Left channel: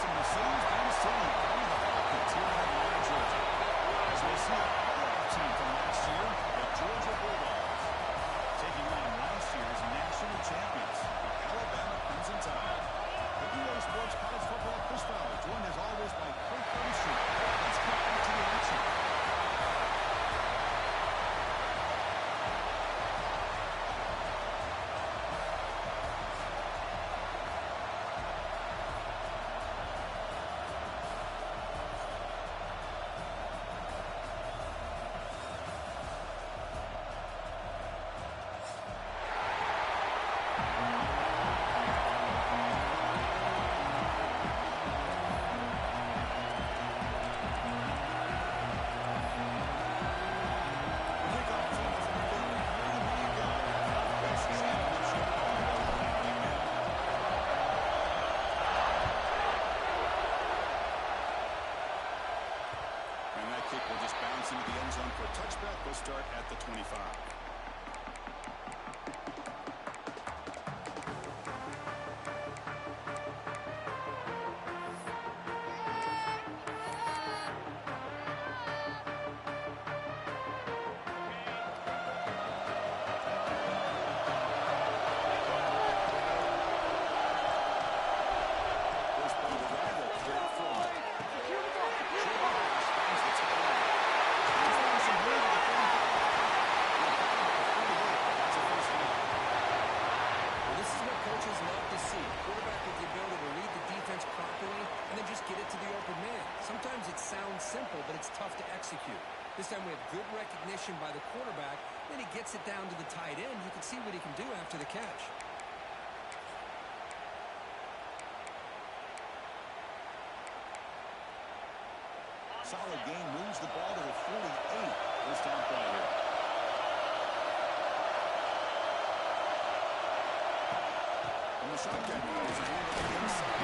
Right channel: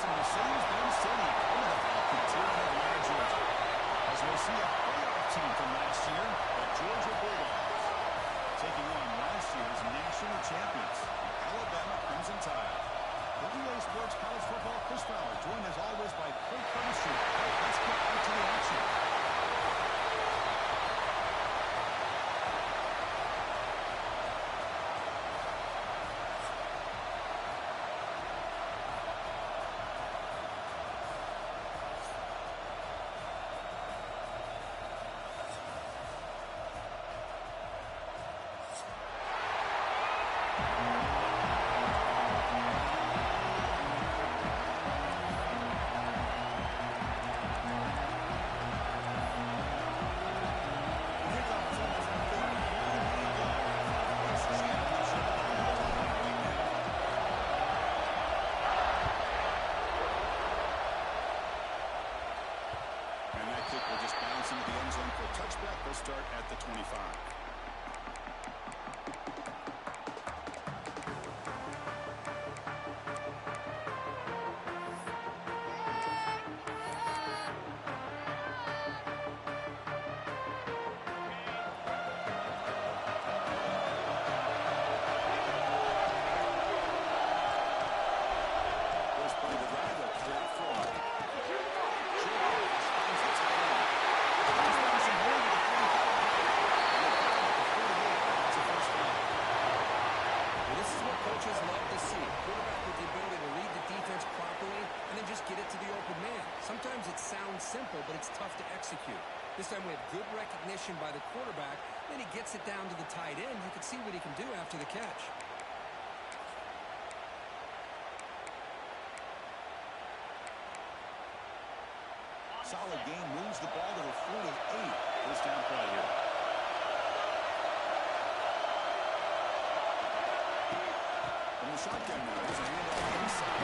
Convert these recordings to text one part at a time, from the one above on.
some Mercedes-Benz Stadium, home of the Falcons here in Atlanta, Georgia. As we see a playoff team from last year, the Georgia Bulldogs, taking on last year's national champions, the Alabama Crimson Tide. The EA Sports College Football Chris Fowler, joined as always by Kirk Curtis. Let's get back to the action. Kick will just bounce into the end zone for a touchback. They'll start at the 25. Sometimes it sounds simple, but it's tough to execute. This time we have good recognition by the quarterback. Then he gets it down to the tight end. You can see what he can do after the catch. Solid gain, moves the ball to the 48. First down play here. From the shotgun now, there's a handoff inside.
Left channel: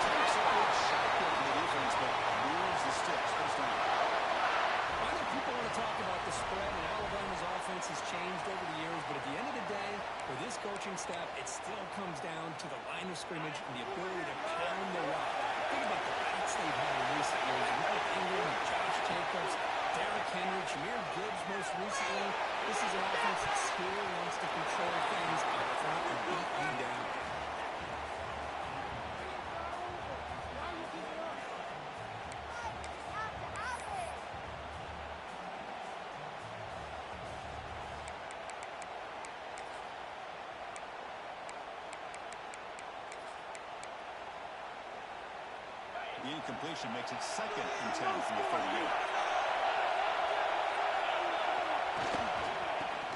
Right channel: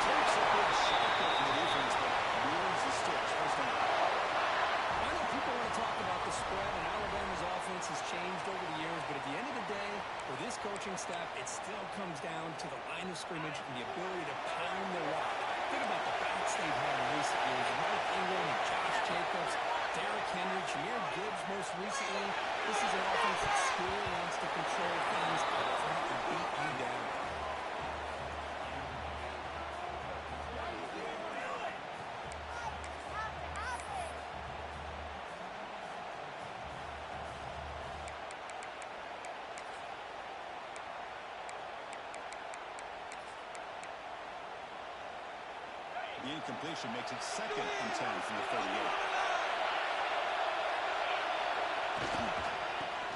Takes a big shot there from the defense, but moves the sticks. First down. I know people want to talk about the spread, and Alabama's offense has changed over the years, but at the end of the day, for this coaching staff, it still comes down to the line of scrimmage and the ability to pound the rock. Think about the backs they've had in recent years. Mark Ingram and Josh Jacobs, Derrick Henry, Jahmyr Gibbs most recently. This is an offense that still wants to control things up front and beat you down. The incompletion makes it 2nd and 10 from the 38.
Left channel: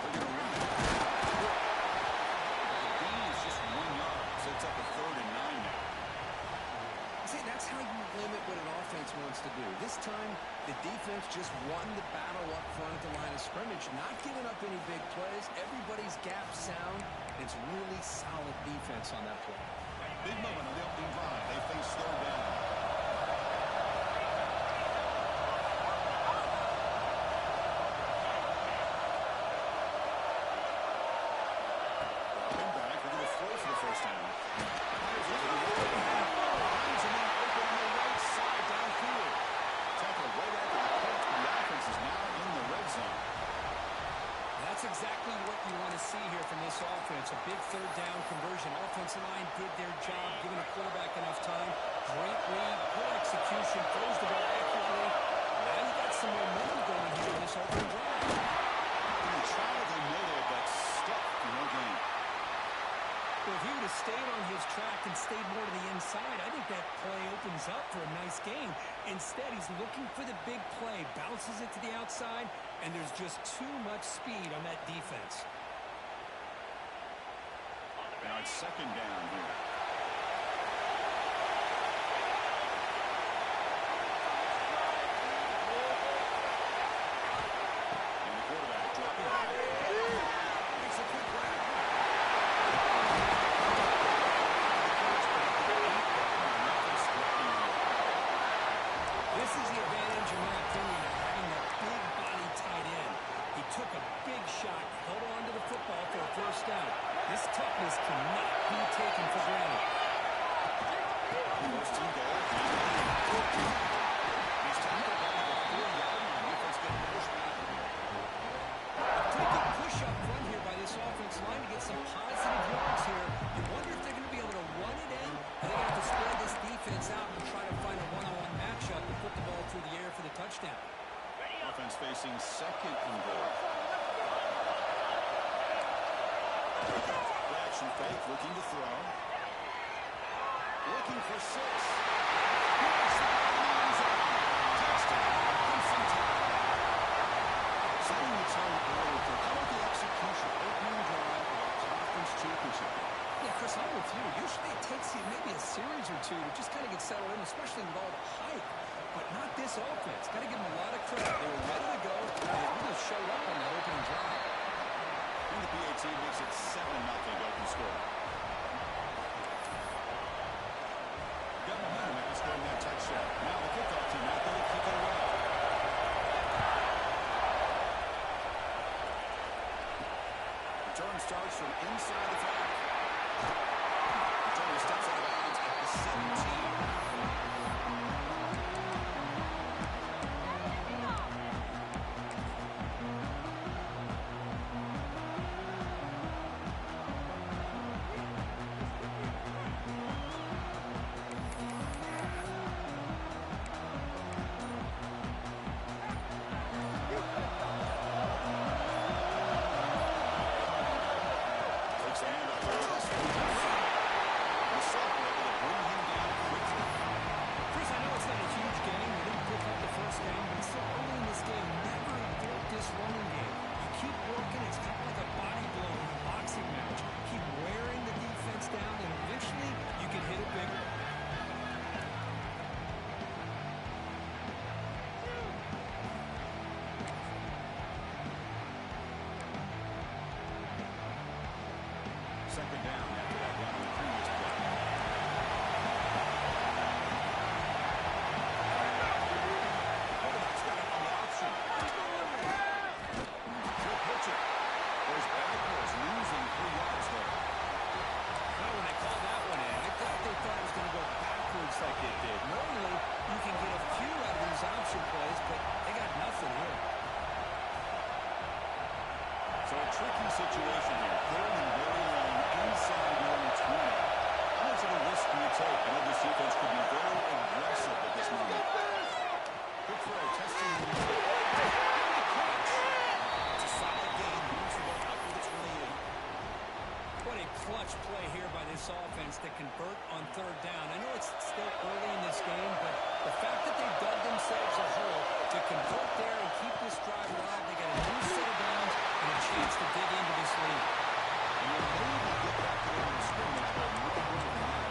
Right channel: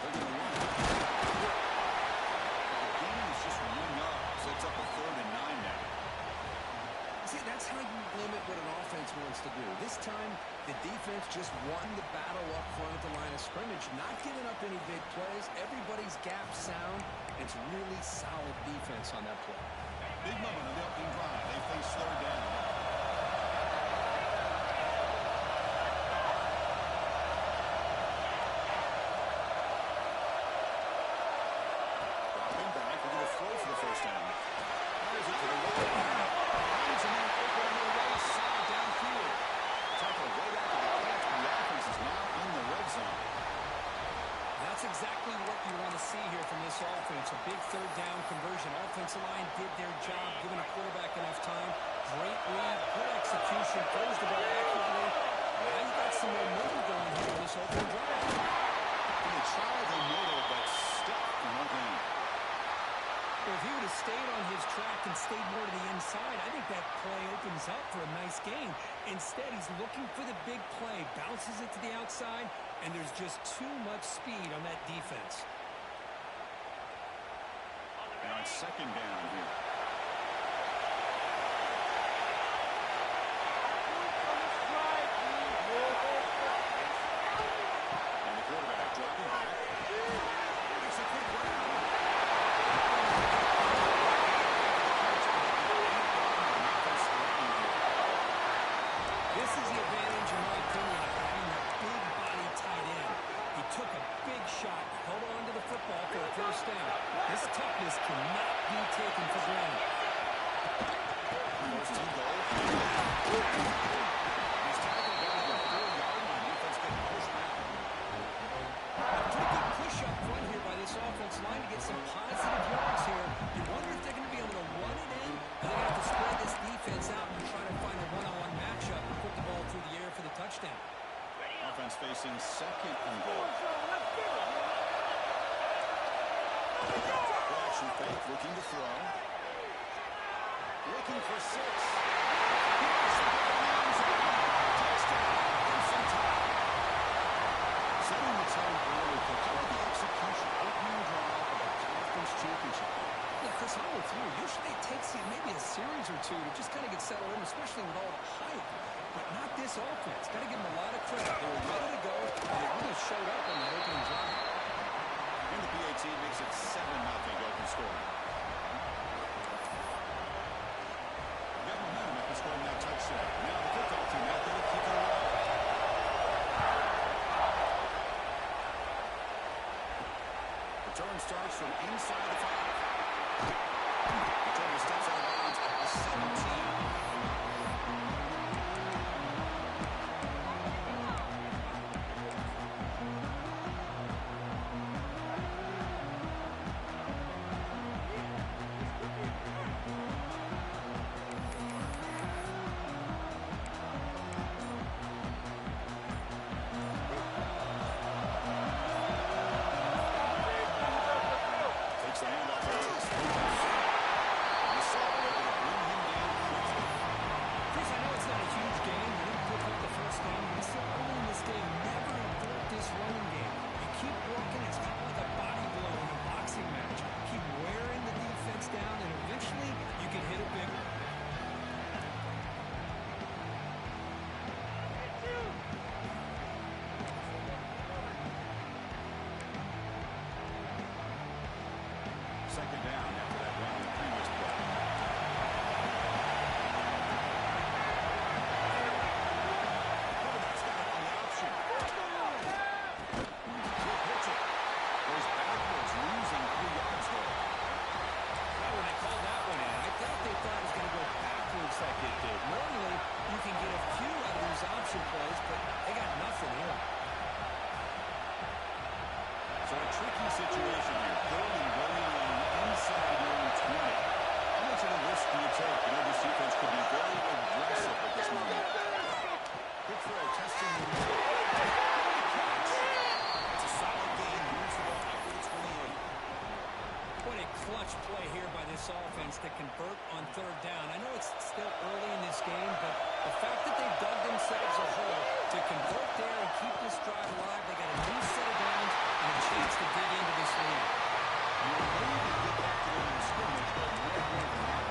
They're going to run it. The gain is just 1 yard. Sets up a 3rd and 9 now. See, that's how you limit what an offense wants to do. This time, the defense just won the battle up front at the line of scrimmage, not giving up any big plays. Everybody's gap sound, and it's really solid defense on that play. Big moment on the opening drive. They face 3rd down. That's exactly what you want to see here from this offense. A big 3rd down conversion. Offensive line did their job, giving a quarterback enough time. Great read, good execution, throws the ball accurately. Now you got some momentum going here in this opening drive. They try the middle, but stuck for no gain. Well, if he would have stayed on his track and stayed more to the inside, I think that play opens up for a nice game. Instead, he's looking for the big play, bounces it to the outside, and there's just too much speed on that defense. Now it's 2nd down here. And the quarterback dropping back. Makes a quick grab. This is the advantage, in my opinion, of having that big body tight end. He took a big shot, held on to the football for a 1st down. This toughness cannot be taken for granted. spread this defense out and try to find a one-on-one matchup and put the ball through the air for the touchdown. Offense facing second and goal. Action fake, looking to throw. Looking for 6. Touchdown, Crimson Tide. Setting the tone early. How about the execution? Opening drive of a conference championship game. Yeah, Chris, I'm with you. Usually it takes you maybe a series or two to just kind of get settled in, especially with all the hype. But not this offense. Got to give them a lot of credit. They were ready to go, and they really showed up on that opening drive. And the PAT makes it 7-0 open score. Got momentum after scoring that touchdown. Now the kickoff team out there to kick it away. Return starts from inside the 5. Return steps out of bounds at the 17. Second down after that run on the previous play. Quarterback's got it on the option. He'll pitch it. Goes backwards, losing 3 yards there. Now, when they called that one in, I thought they thought it was going to go backwards like it did. Normally, you can get a few out of these option plays, but they got nothing here. So a tricky situation here. Third and very long inside your own 20. How much of a risk do you take? You know, this defense could be very aggressive at this moment. Good throw, testing the middle. It's a solid game. Moves the ball out for the 28. What a clutch play here by this offense to convert on third down. I know it's still early in this game, but the fact that they dug themselves a hole to convert there and keep this drive alive, they got a new set of downs and a chance to dig into this lead. You're ready to get back to the line of scrimmage, but no more than that.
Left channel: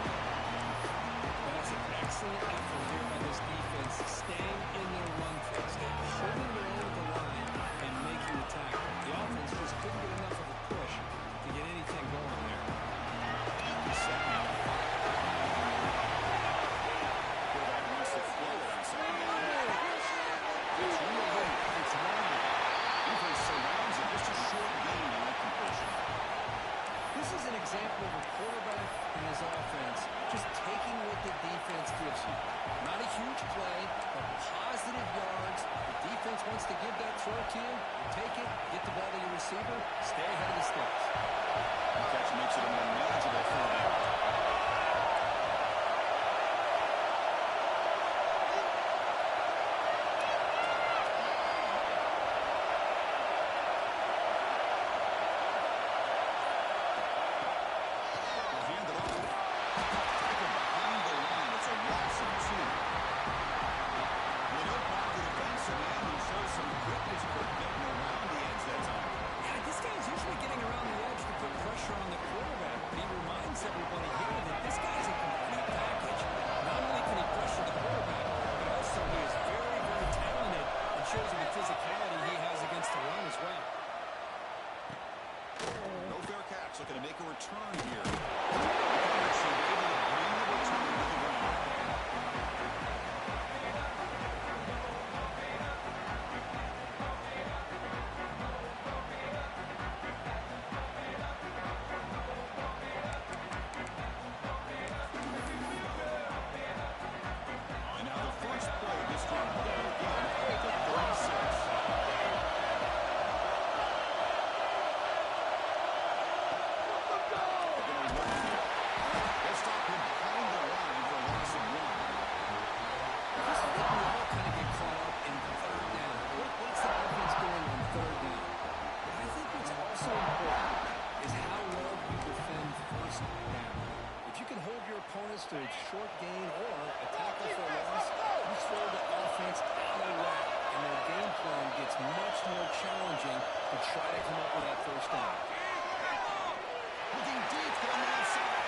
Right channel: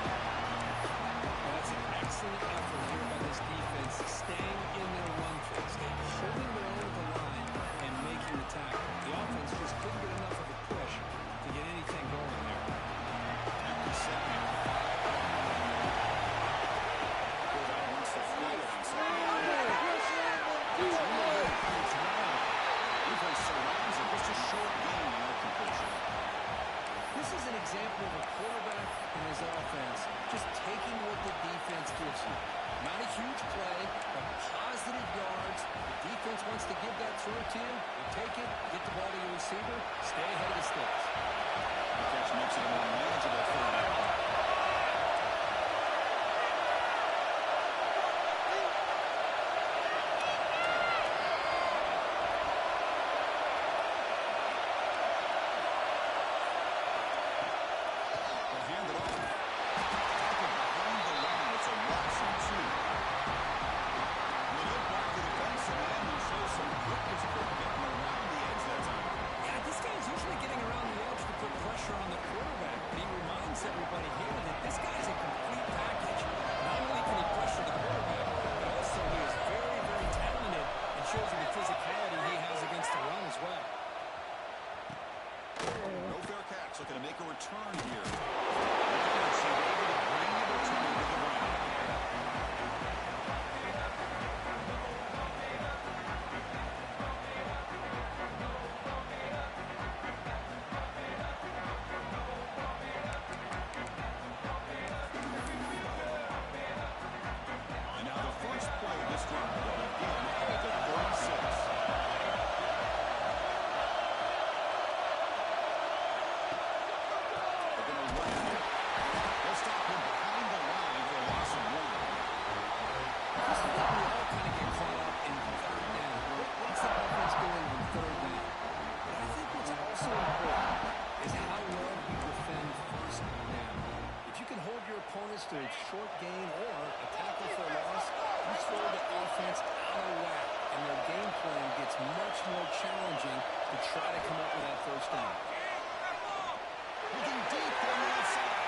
Well, that's an excellent effort here by this defense, staying in their run fix, holding their own at the line and making the tackle. The offense just couldn't get enough of a push to get anything going there. Empty set now, 5-1. Quarterback wants to throw it on second down. It's really it's wide. Defense surrounds it. Just a short gain in that completion. This is an example of a quarterback and his offense just taking what the defense gives you. Not a huge play, but positive yards. The defense wants to give that throw to you. You take it, get the ball to your receiver, stay ahead of the sticks. The catch makes it a more manageable third down. Everybody your opponents to a short gain or a tackle for a loss, you throw the offense out of whack, and their game plan gets much more challenging to try to come up with that first down. Looking deep on the outside.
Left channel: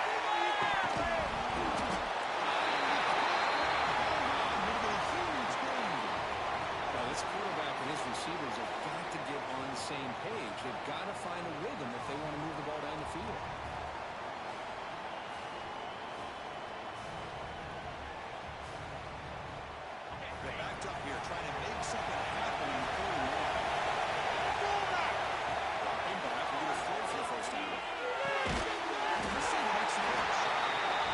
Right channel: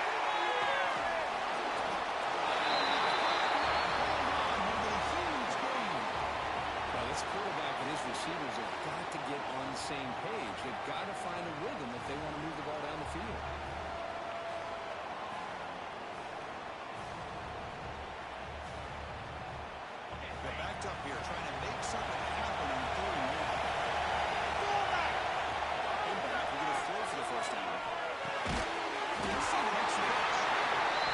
Well, this quarterback and his receivers have got to get on the same page. They've got to find a rhythm if they want to move the ball down the field. They're backed up here, trying to make something happen on 3rd and 1. Drop him back. We're going to throw for the first down. Let's see the next pitch.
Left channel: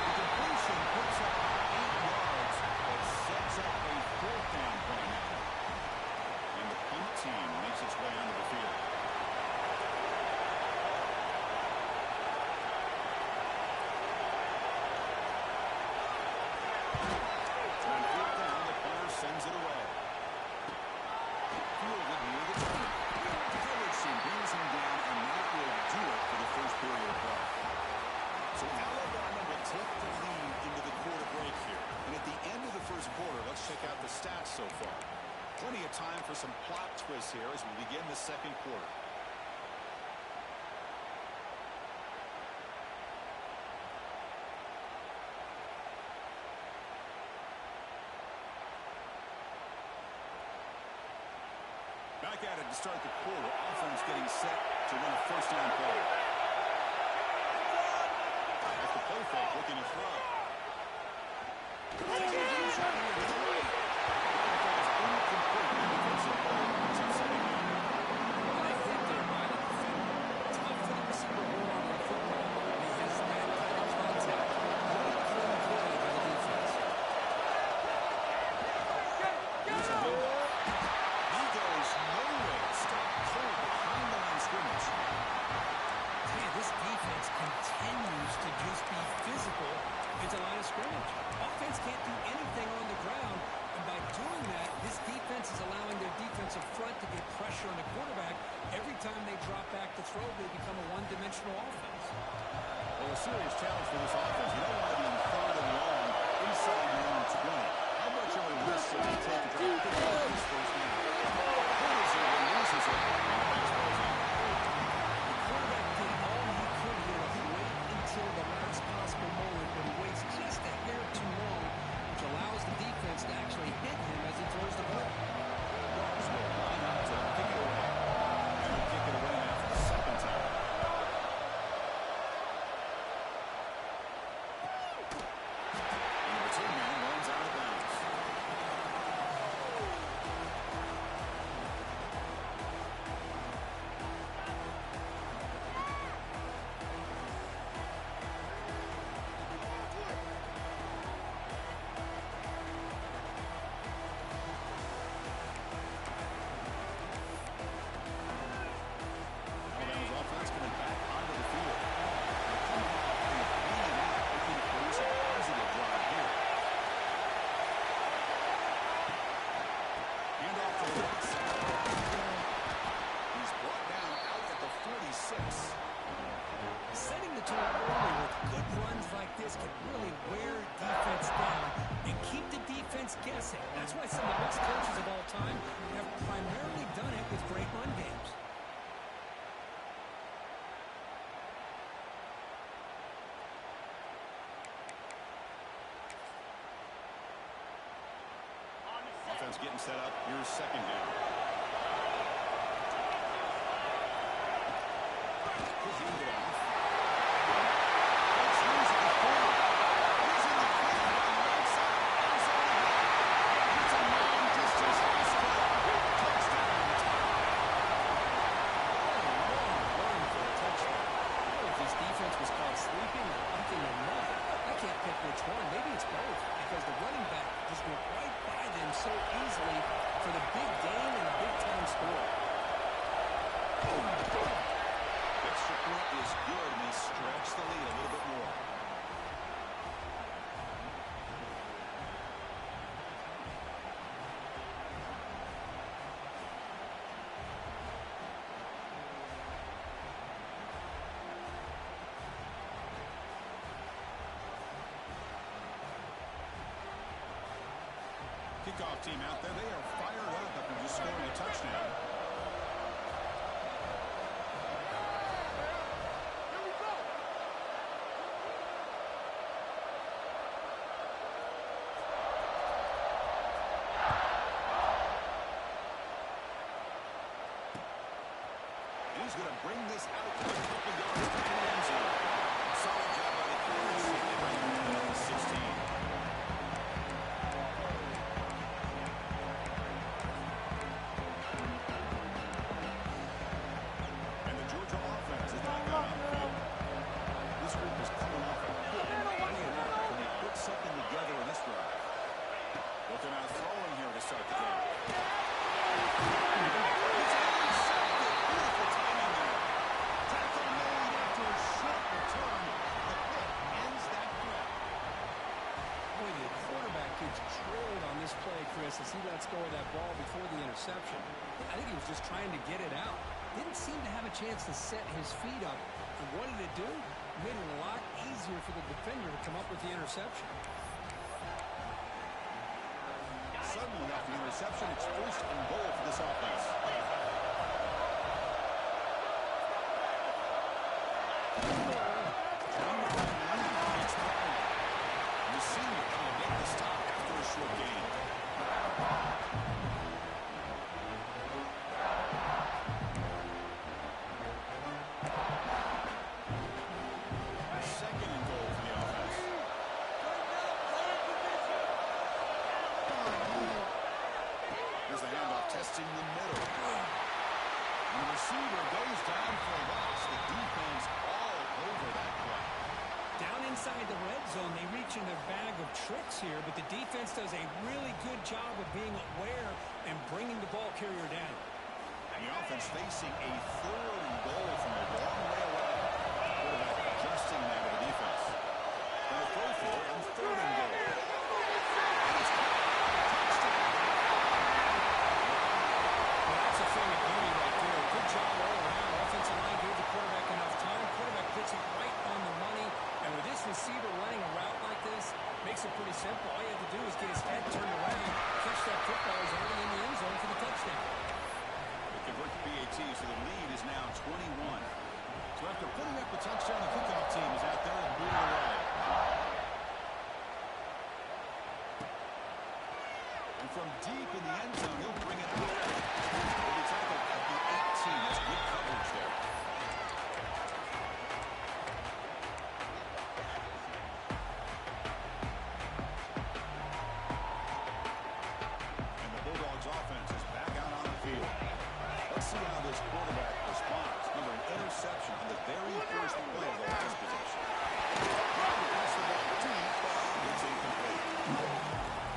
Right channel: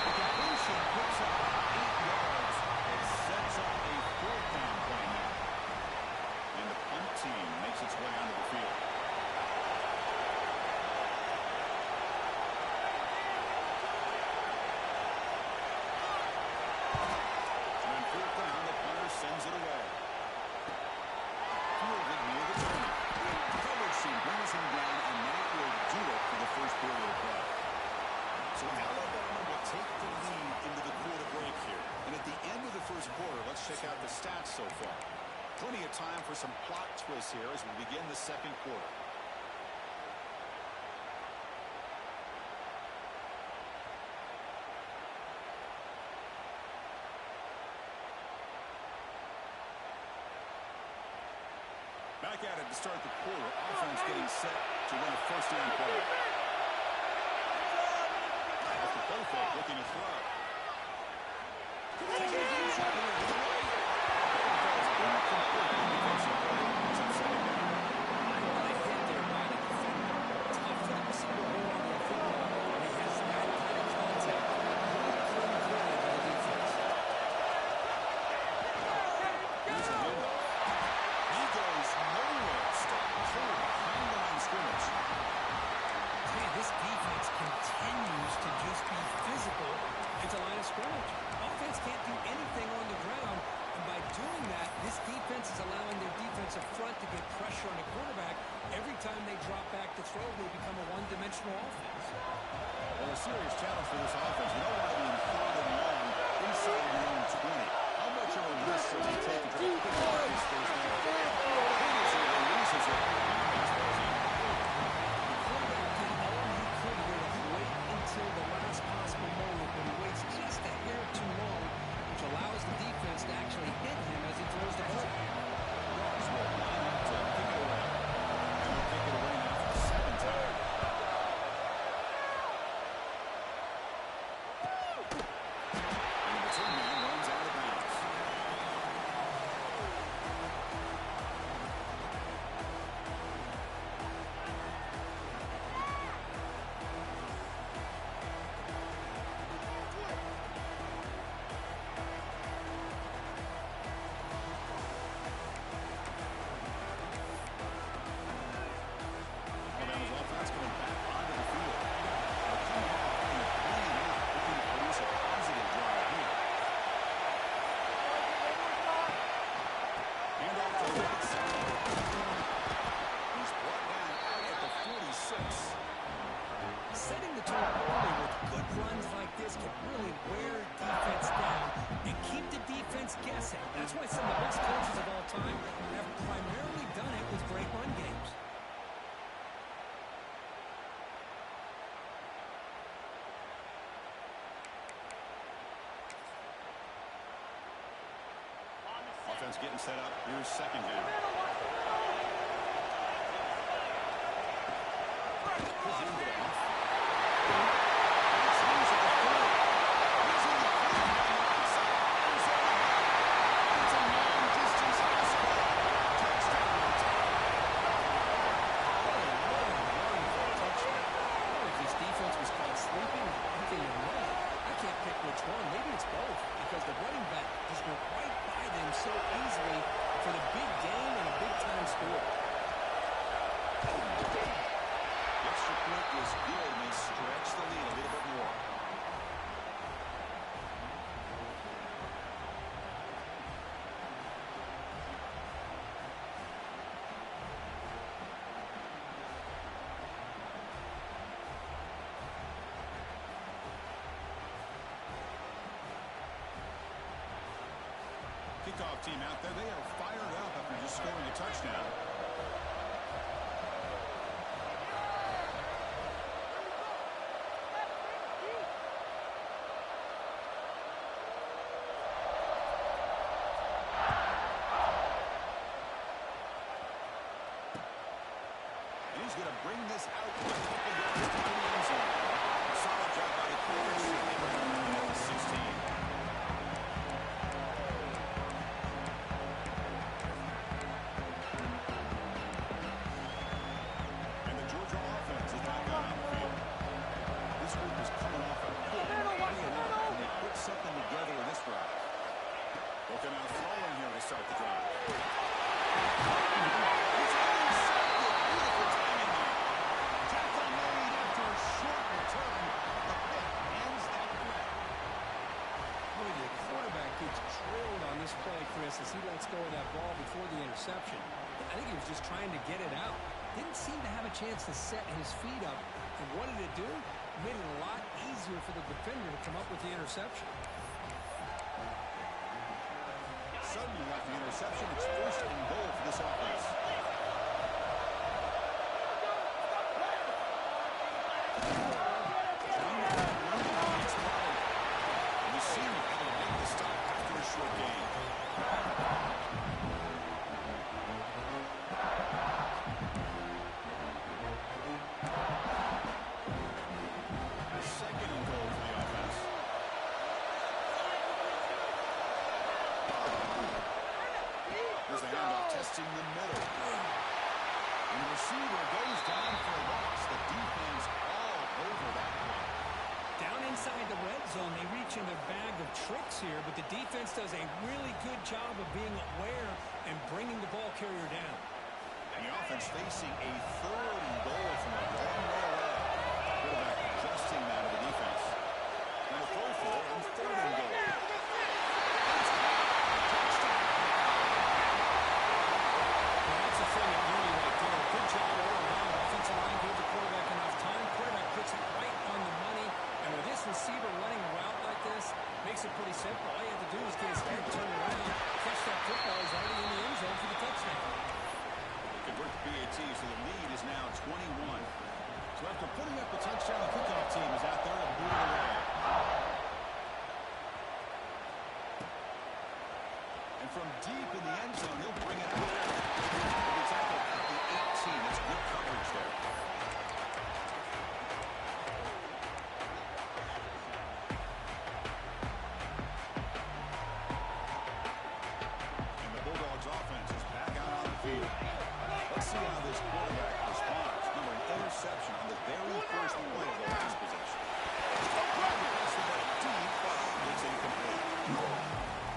The completion picks up 8 yards. It sets up a 4th down play now. And the punt team makes its way onto the field. And on 4th down, the punter sends it away. Fielded near the 20. The coverage team brings him down, and that will do it for the first period of play. So Alabama will take the lead into the quarter break here. And at the end of the first quarter, let's check out the stats so far. Plenty of time for some plot twists here as we begin the second quarter. Back at it to start the quarter. Offense getting set to run a first down play. Off the play fake, looking to throw. Taking a deep shot here to the right. The ball is incomplete. The defensive play is on second down. What a hit there by the defender. Tough for the receiver to hold on to the football, and he has that kind of contact. Really clean play by the defense. Here's a handoff. He goes nowhere. Stop cold behind the line of scrimmage. Man, this defense continues to just be physical at the line of scrimmage. Offense can't do anything on the ground, and by doing that, this defense is allowing their defensive front to get pressure on the quarterback. Every time they drop back to throw, they become a one-dimensional offense. Well, a serious challenge for this offense. You don't want to be in 3rd and long inside your own 20. How much of a risk will they take to try to pick up this first down? He releases it, and the pass ball's in. The quarterback did all he could here to wait until the last possible moment, but he waits just a hair too long, which allows the defense to actually hit him as he throws the ball. Guards will line up to kick it away. And they'll kick it away now for the 2nd time. And the return man runs out of bounds. Alabama's offense coming back onto the field. They're coming off in the 3 and out, looking to produce a positive drive here. Hand off to the right side. He's brought down out at the 46. Setting the tone early with good runs like this can really wear defense down and keep the defense guessing. That's why some of the best coaches of all time have primarily done it with great run games. Offense getting set up. Here's 2nd down. He'll hand it off. Let's lose at the 40. He's in the clear on the right side. End zone ahead. It's a long-distance pass play. Touchdown. What a long run for a touchdown. I don't know if this defense was caught sleeping or something or not. I can't pick which one. Maybe it's both, because the running back just went right by them so easily for the big gain and a big-time score. The extra point is good, and they stretch the lead a little bit more. Kickoff team out there, they are fired up after just scoring a touchdown. He's going to bring this out to a couple yards to the end zone. Solid job by the corners. They bring him in at the 16. And the Georgia offense is back out on the field. This group is coming off a good play, and they put something together in this drive. Looking out throwing here to start the drive. He's intercepted. Beautiful timing there. Tackle made after a short return. The pick ends that grab. Boy, the quarterback gets drilled on this play, Chris, as he lets go of that ball before the interception. I think he was just trying to get it out. Didn't seem to have a chance to set his feet up. And what did it do? Made it a lot easier for the defender to come up with the interception. Suddenly off the interception, it's first and goal for this offense. And the senior able to make the stop after a short gain. Second and goal for the offense. Here's the handoff testing the middle. And the receiver goes down for a loss. The defense all over that play. Down inside the red zone, they reach in their bag of tricks here, but the defense does a really good job of being aware and bringing the ball carrier down. And the offense facing a third and goal from a long way away. Quarterback adjusting now to the defense. Going to throw for it on third and goal. And it's caught. Touchdown. Well, that's a thing of beauty right there. Good job all around. Offensive line gave the quarterback enough time. Quarterback puts it right on the money. And with this receiver running a route like this, makes it pretty simple. All you have to do is get his head turned around, catch that football. He's already in the end zone for the touchdown. They convert the PAT, so the lead is now 21. So after putting up the touchdown, the kickoff team is out there and moving away. And from deep in the end zone, he'll bring it out. He'll be tackled at the 18. That's good coverage there. And the Bulldogs offense is back out on the field. Let's see how this quarterback responds. Remember, an interception on the very first play of the last possession. Pass the ball deep, but it's incomplete.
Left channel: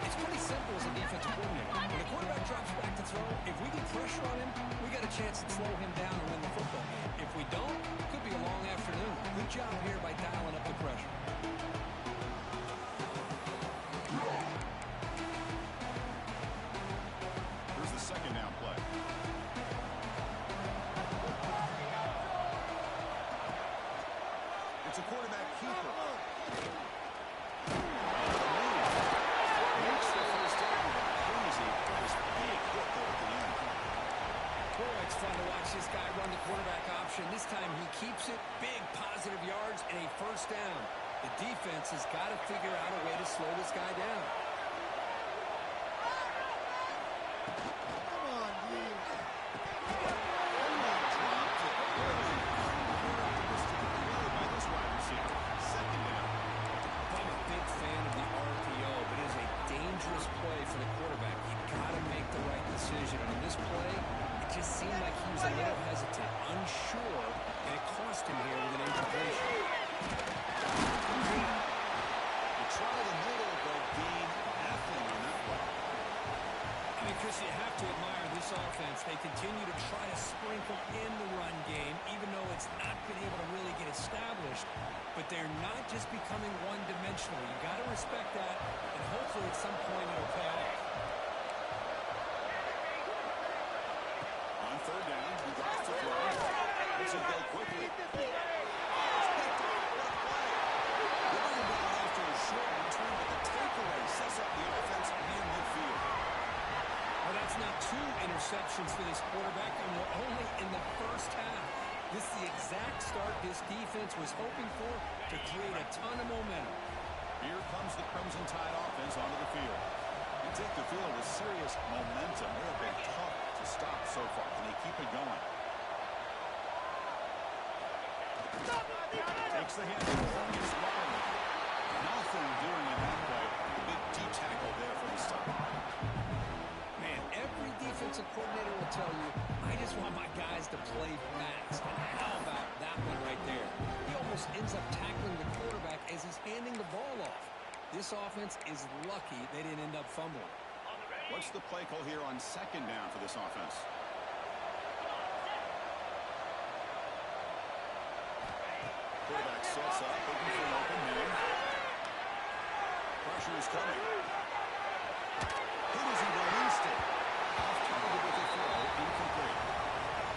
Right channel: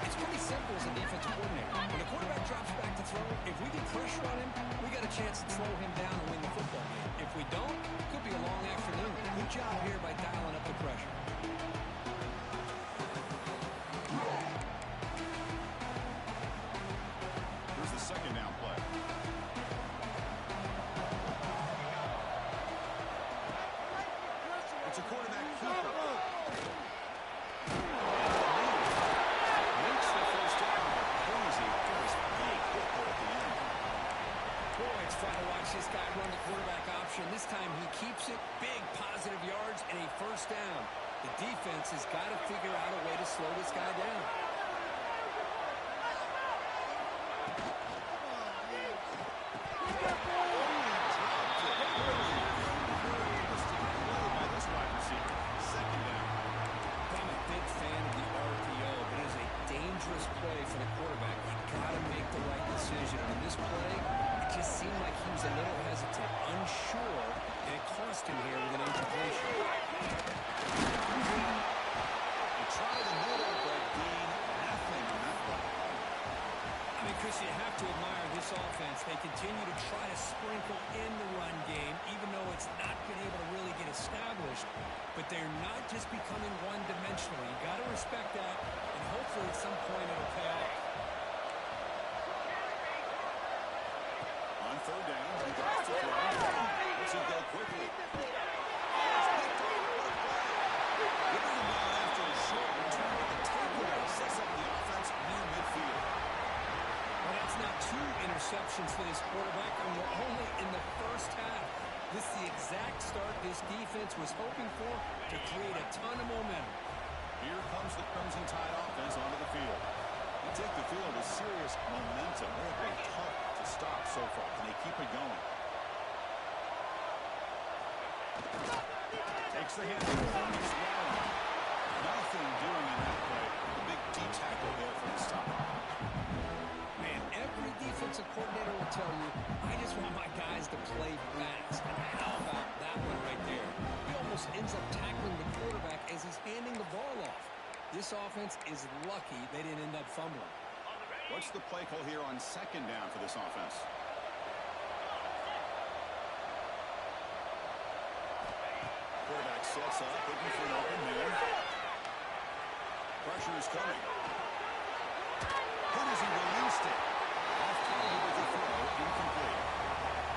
It's pretty simple as a defensive coordinator. When the quarterback drops back to throw, if we get pressure on him, we got a chance to slow him down and win the football game. If we don't, it could be a long afternoon. Good job here by dialing up the pressure. Here's the second down play. It's a quarterback keeper. Makes the first down, but crazy. This big hit there at the end. Boy, it's fun to watch this guy run the quarterback option. This time he keeps it. Big positive yards and a first down. The defense has got to figure out a way to slow this guy down. Play for the quarterback. You got to make the right decision. And in this play, it just seemed like he was a little hesitant, unsure, and it cost him here with an incompletion. You try the middle, but gain nothing on that play. I mean, Chris, you have to admire this offense. They continue to try to sprinkle in the run game, even though it's not been able to really get established. But they're not just becoming one-dimensional. You got to respect that, and hopefully at some point it'll pay off. On third down, he drops to throw. Lets him go quickly. Oh, it's picked off. What a play. They bring him down after a short return, but the takeaway sets up the offense near midfield. 2 interceptions for this quarterback, and we're only in the first half. This is the exact start this defense was hoping for to create a ton of momentum. Here comes the Crimson Tide offense onto the field. They take the field with serious momentum. They have been tough to stop so far. Can they keep it going? Takes the hand. It's Riley. Nothing doing in that play. The big D tackle there for the stop. Man, every defensive coordinator will tell you, I just want my guys to play fast. And how about that one right there? He almost ends up tackling the quarterback as he's handing the ball off. This offense is lucky they didn't end up fumbling. What's the play call here on second down for this offense? Quarterback sets up, looking for an open man. Pressure is coming. Hit as he released it. Off target with the throw, incomplete.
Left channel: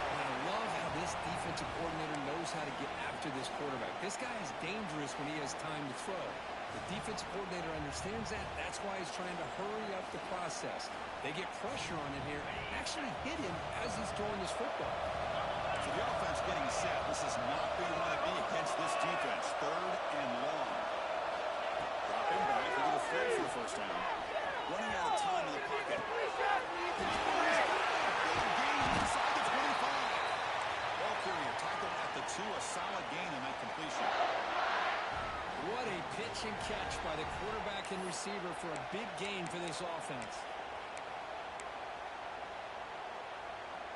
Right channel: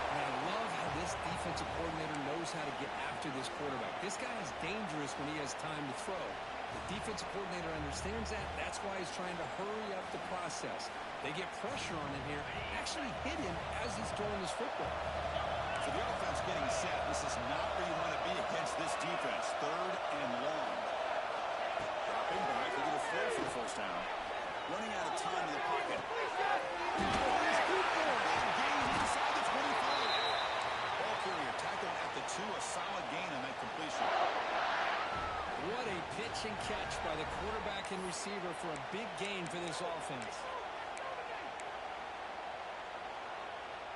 And I love how this defensive coordinator knows how to get after this quarterback. This guy is dangerous when he has time to throw. The defensive coordinator understands that. That's why he's trying to hurry up the process. They get pressure on him here, actually hit him as he's throwing this football. So the offense getting set. This is not where you want to be against this defense. Third and long. Dropping back. We're going to throw for the first down. Running out of time in the pocket. Big gain inside the 25. Ball carrier tackled at the 2. A solid gain on that completion. What a pitch and catch by the quarterback and receiver for a big gain for this offense.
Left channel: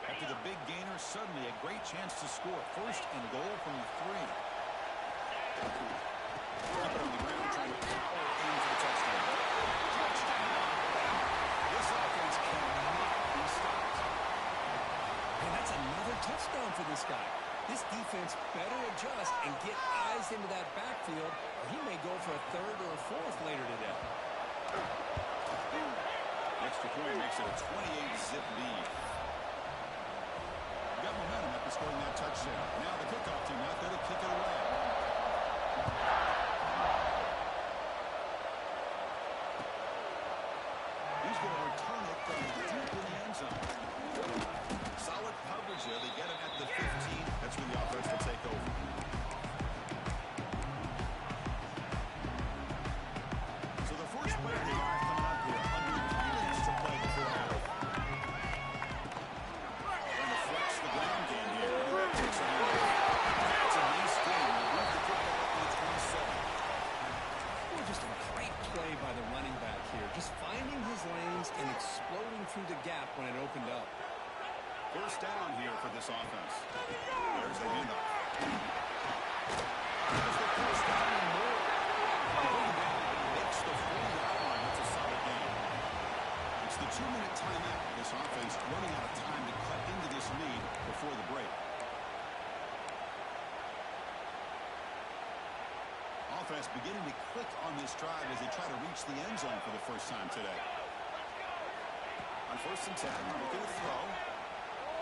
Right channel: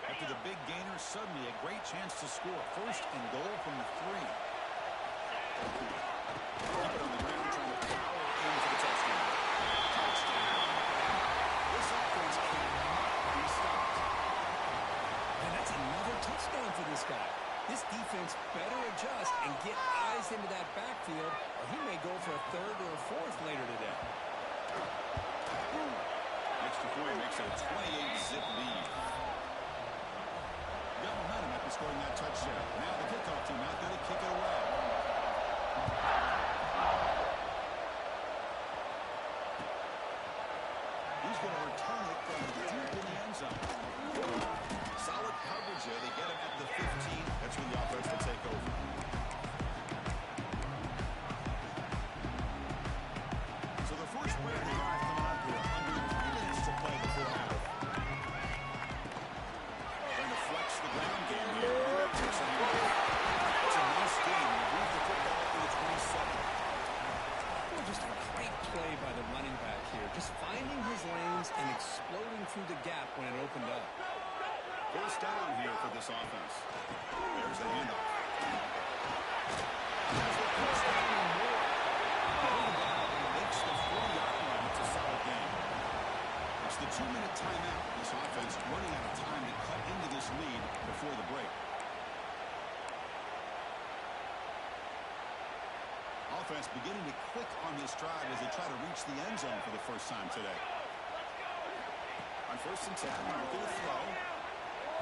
After the big gainer, suddenly a great chance to score. First and goal from the 3. Keep it on the ground, trying to power in for the touchdown. Touchdown! This offense cannot be stopped. And that's another touchdown for this guy. This defense better adjust and get eyes into that backfield, or he may go for a 3rd or a 4th later today. Extra point makes it a 28-zip lead. Got momentum after scoring that touchdown. Now the kickoff team out there to kick it away. He's going to return it from deep in the end zone. Solid coverage here. They get him at the 15. That's where the offense will take over. So the first play of the drive coming up here. Under 3 minutes to play before half. Trying to flex the ground game here. It's a nice game. They move the football up to the 27. Well, just a great play by the running back here. Just finding his lanes and exploding through the gap when it opened up. First down here for this offense. There's the handoff. Has the first down and more. Bring it down, but he makes the 40-yard line. It's a solid game. It's the 2-minute timeout. This offense running out of time to cut into this lead before the break. Offense beginning to click on this drive as they try to reach the end zone for the first time today. On 1st and 10, looking to throw.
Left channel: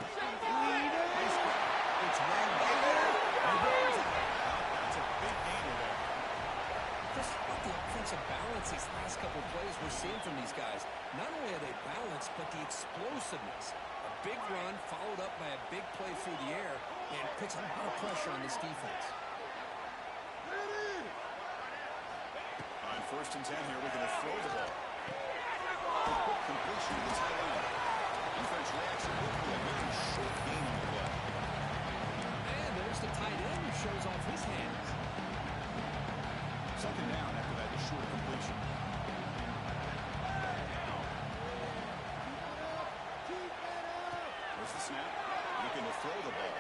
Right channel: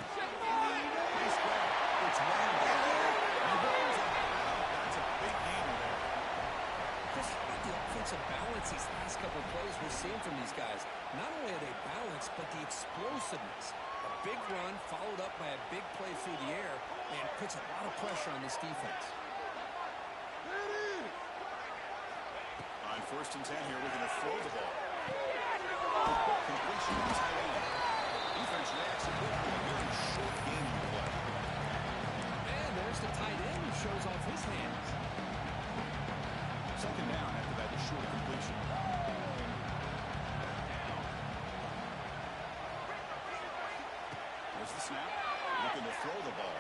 Nice grab. It's one there. That's a big gainer there. Chris, how about the offensive balance these last couple of plays we're seeing from these guys? Not only are they balanced, but the explosiveness. A big run followed up by a big play through the air and puts a lot of pressure on this defense. On 1st and 10 here, we're going to throw the ball. Quick completion to the tight end. Defense reacts quickly. A very short game on the play. And there's the tight end who shows off his hands. Second down after that short completion. There's the snap. Looking to throw the ball.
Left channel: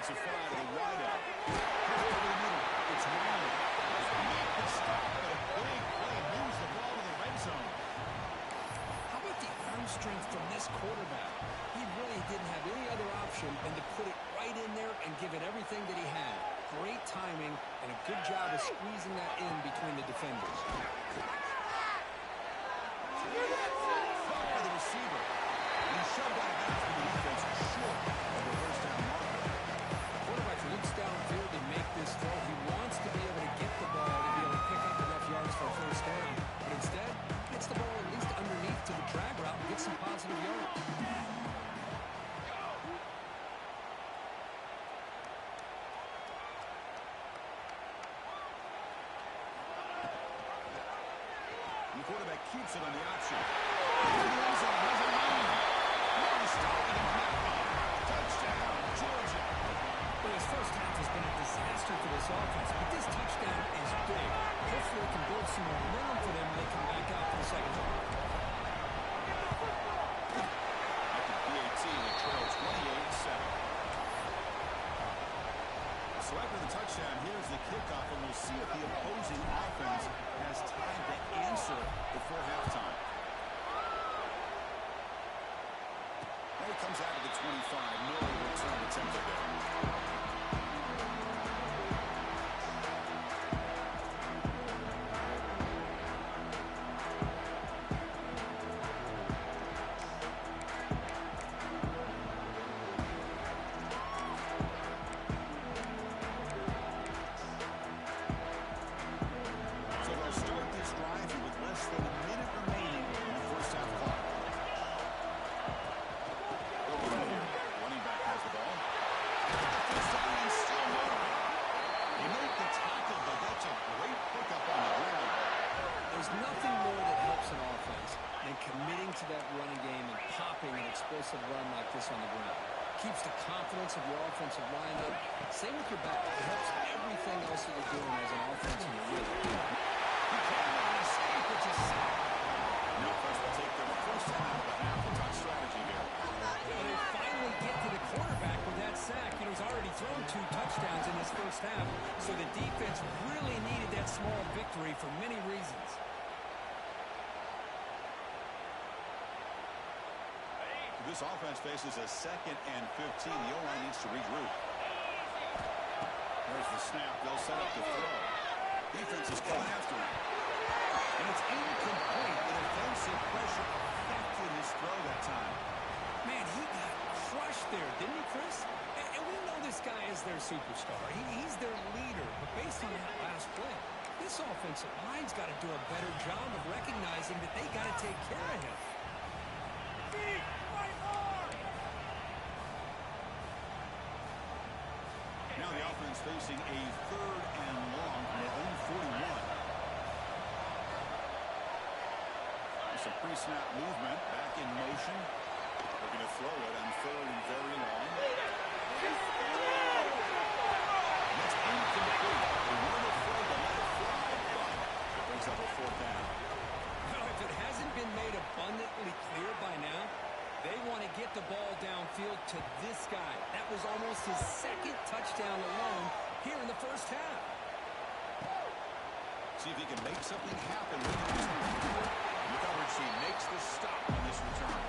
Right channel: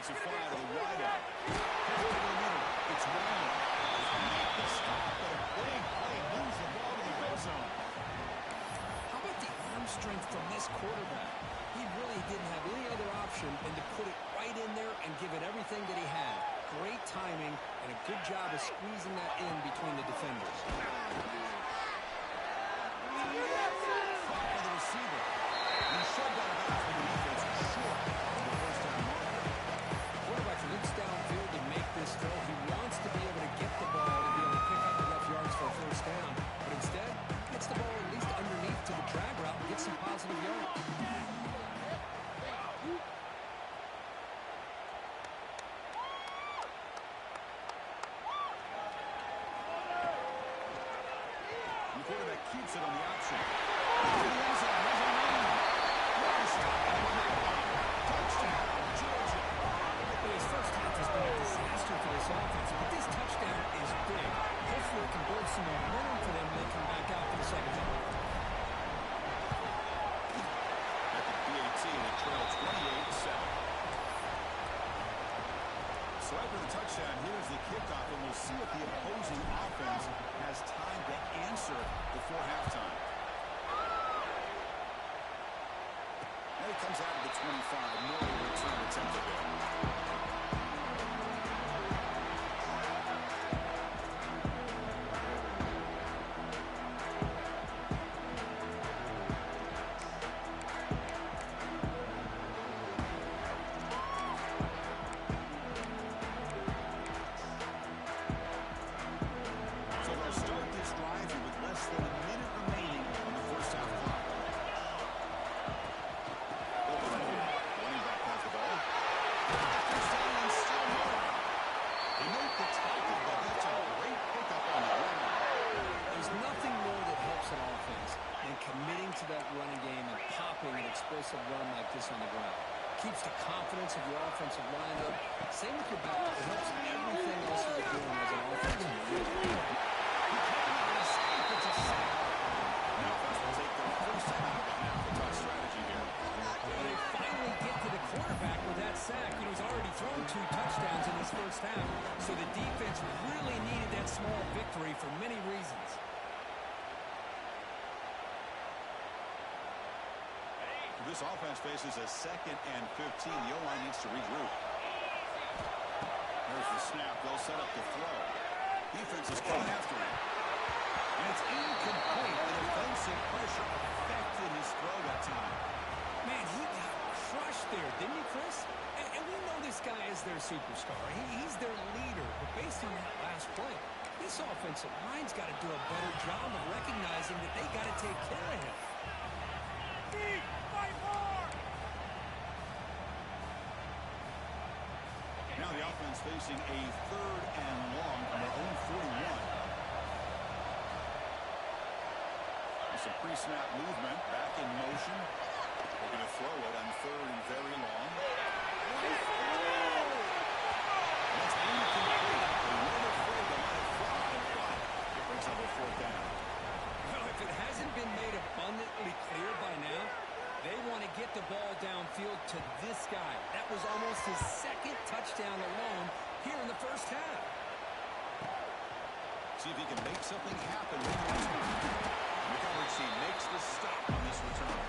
It's a fly to the wide out. Over the middle. It's Riley. Make the stop, but a big play moves the ball to the red zone. How about the arm strength from this quarterback? He really didn't have any other option than to put it right in there and give it everything that he had. Great timing and a good job of squeezing that in between the defenders. Caught by the receiver. And he shoved out of bounds for the defense short of the first down marker. Quarterback looks downfield to make this throw. He wants to be able to get the ball to be able to pick up enough yards for a first down. But instead, gets the ball at least underneath to the drag route and gets some positive The quarterback keeps it on the option. The end zone has a lead. No stopping him on that run. Touchdown, Georgia. Well, his first half has been a disaster for this offense, but this touchdown is big. Hopefully it can build some momentum for them when they come back out for the second time. At the PAT, they trail 28-7. So after the touchdown, here's the kickoff, and we'll see if the opposing offense has time to answer before halftime. And it comes out of the 25. No return attempted there. Committing to that running game and popping an explosive run like this on the ground. Keeps the confidence of your offensive lineup. Same with your back. It helps everything else that you're doing as an offense in your rhythm. He cannot escape. It's a sack. Now first will take their first time out of the half. The top strategy here. Well, they finally get to the quarterback with that sack. You know, he's already thrown 2 touchdowns in this first half, so the defense really needed that small victory for many reasons. This offense faces a 2nd and 15. The O-line needs to regroup. There's the snap. They'll set up the throw. Defense is coming after him. And it's incomplete. The defensive pressure affected his throw that time. Man, he got crushed there, didn't he, Chris? And we know this guy is their superstar. He's their leader. But based on that last play, this offensive line's got to do a better job of recognizing that they got to take care of him. Now the offense facing a 3rd and long on their own 41. Some pre-snap movement, back in motion. They're going to throw it on 3rd and very long. That's incomplete. They weren't afraid to let it fly, but it brings up a 4th down. Well, if it hasn't been made abundantly clear by now, they want to get the ball downfield to this guy. That was almost his 2nd touchdown alone here in the first half. See if he can make something happen with the return. And the coverage team makes the stop on this return.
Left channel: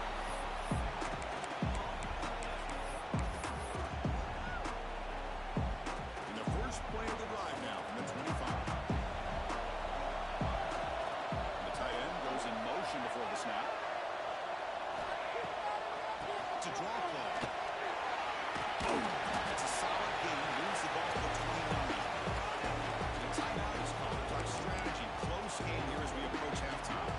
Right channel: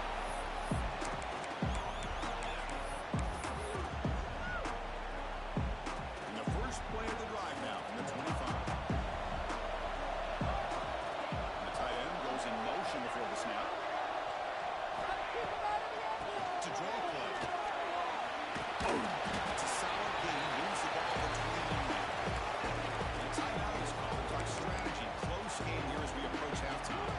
In the first play of the drive now from the 25. And the tight end goes in motion before the snap. To draw play. That's a solid gain. Moves the ball to the 29. And a timeout is called. To talk strategy. Close game here as we approach halftime.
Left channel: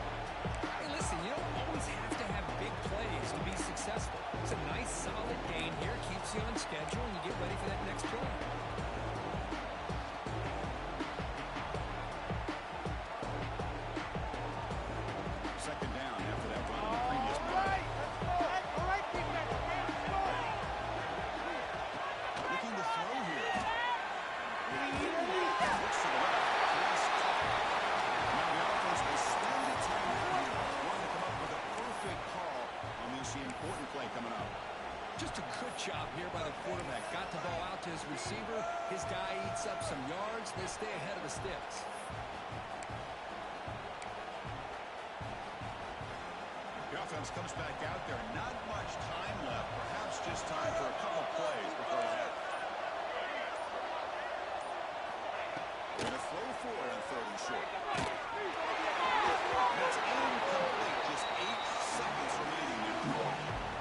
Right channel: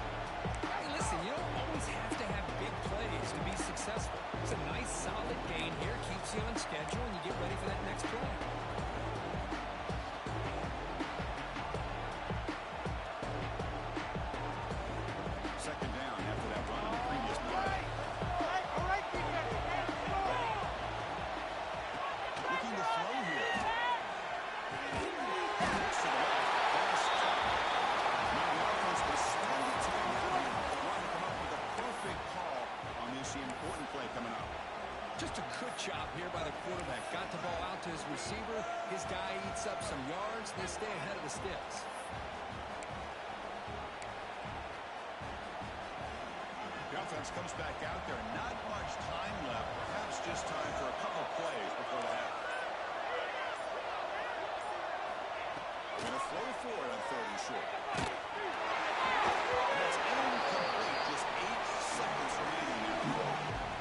Hey, listen, you don't always have to have big plays to be successful. It's a nice, solid gain here. Keeps you on schedule, and you get ready for that next play. Second down after that run on the previous play. Looking to throw here. Looks to the left. Pass caught. Now the offense will spend the timeout here. Wanting to come up with a perfect call on this important play coming up. Just a good job here by the quarterback. Got the ball out to his receiver. His guy eats up some yards. They stay ahead of the sticks. The offense comes back out there. Not much time left. Perhaps just time for a couple plays before the half. They're going to throw for it on 3rd and short. And that's incomplete. Just 8 seconds remaining now.